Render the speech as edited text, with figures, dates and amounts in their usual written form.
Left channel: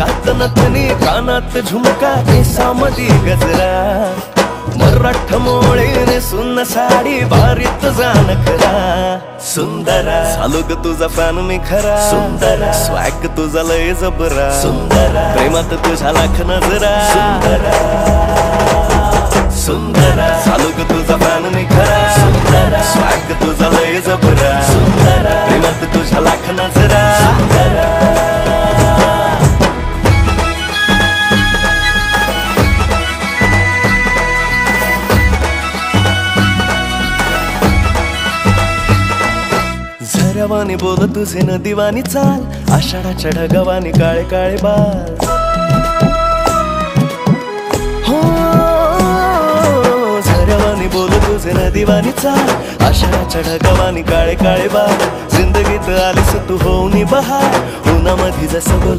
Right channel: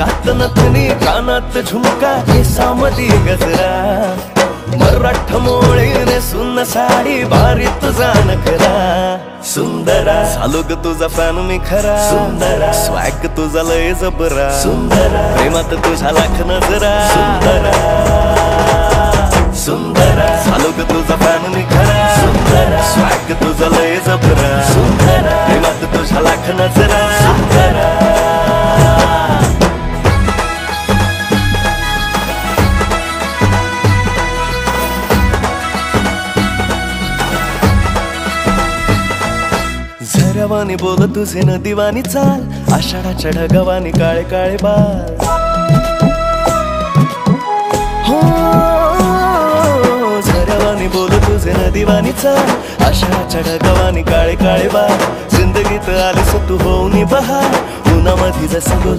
नाकात नथनी कानात झुमका केसामधी गजरा मराठ मोळीने सुन्न साडी भारी तुझा नखरा सुंदरा झालो ग तुझा फॅन मी खरा स्वॅग तुझा लय जबरा प्रेमात तुझा लाख नजरा झालो ग तुझा फॅन मी खरा स्वॅग तुझा लय जबरा प्रेमात तुझा लाख नजरा झऱ्यावानी बोल तुझे नदीवानी चाल आषाढाच्या ढगावानी काळे काळे बाल हो झऱ्यावानी बोल तुझे नदीवानी चाल आषाढाच्या ढगावानी काळे काळे बाल जिंदगीत आलीस तू होऊनी बहार उन्हामध्ये जसं बोल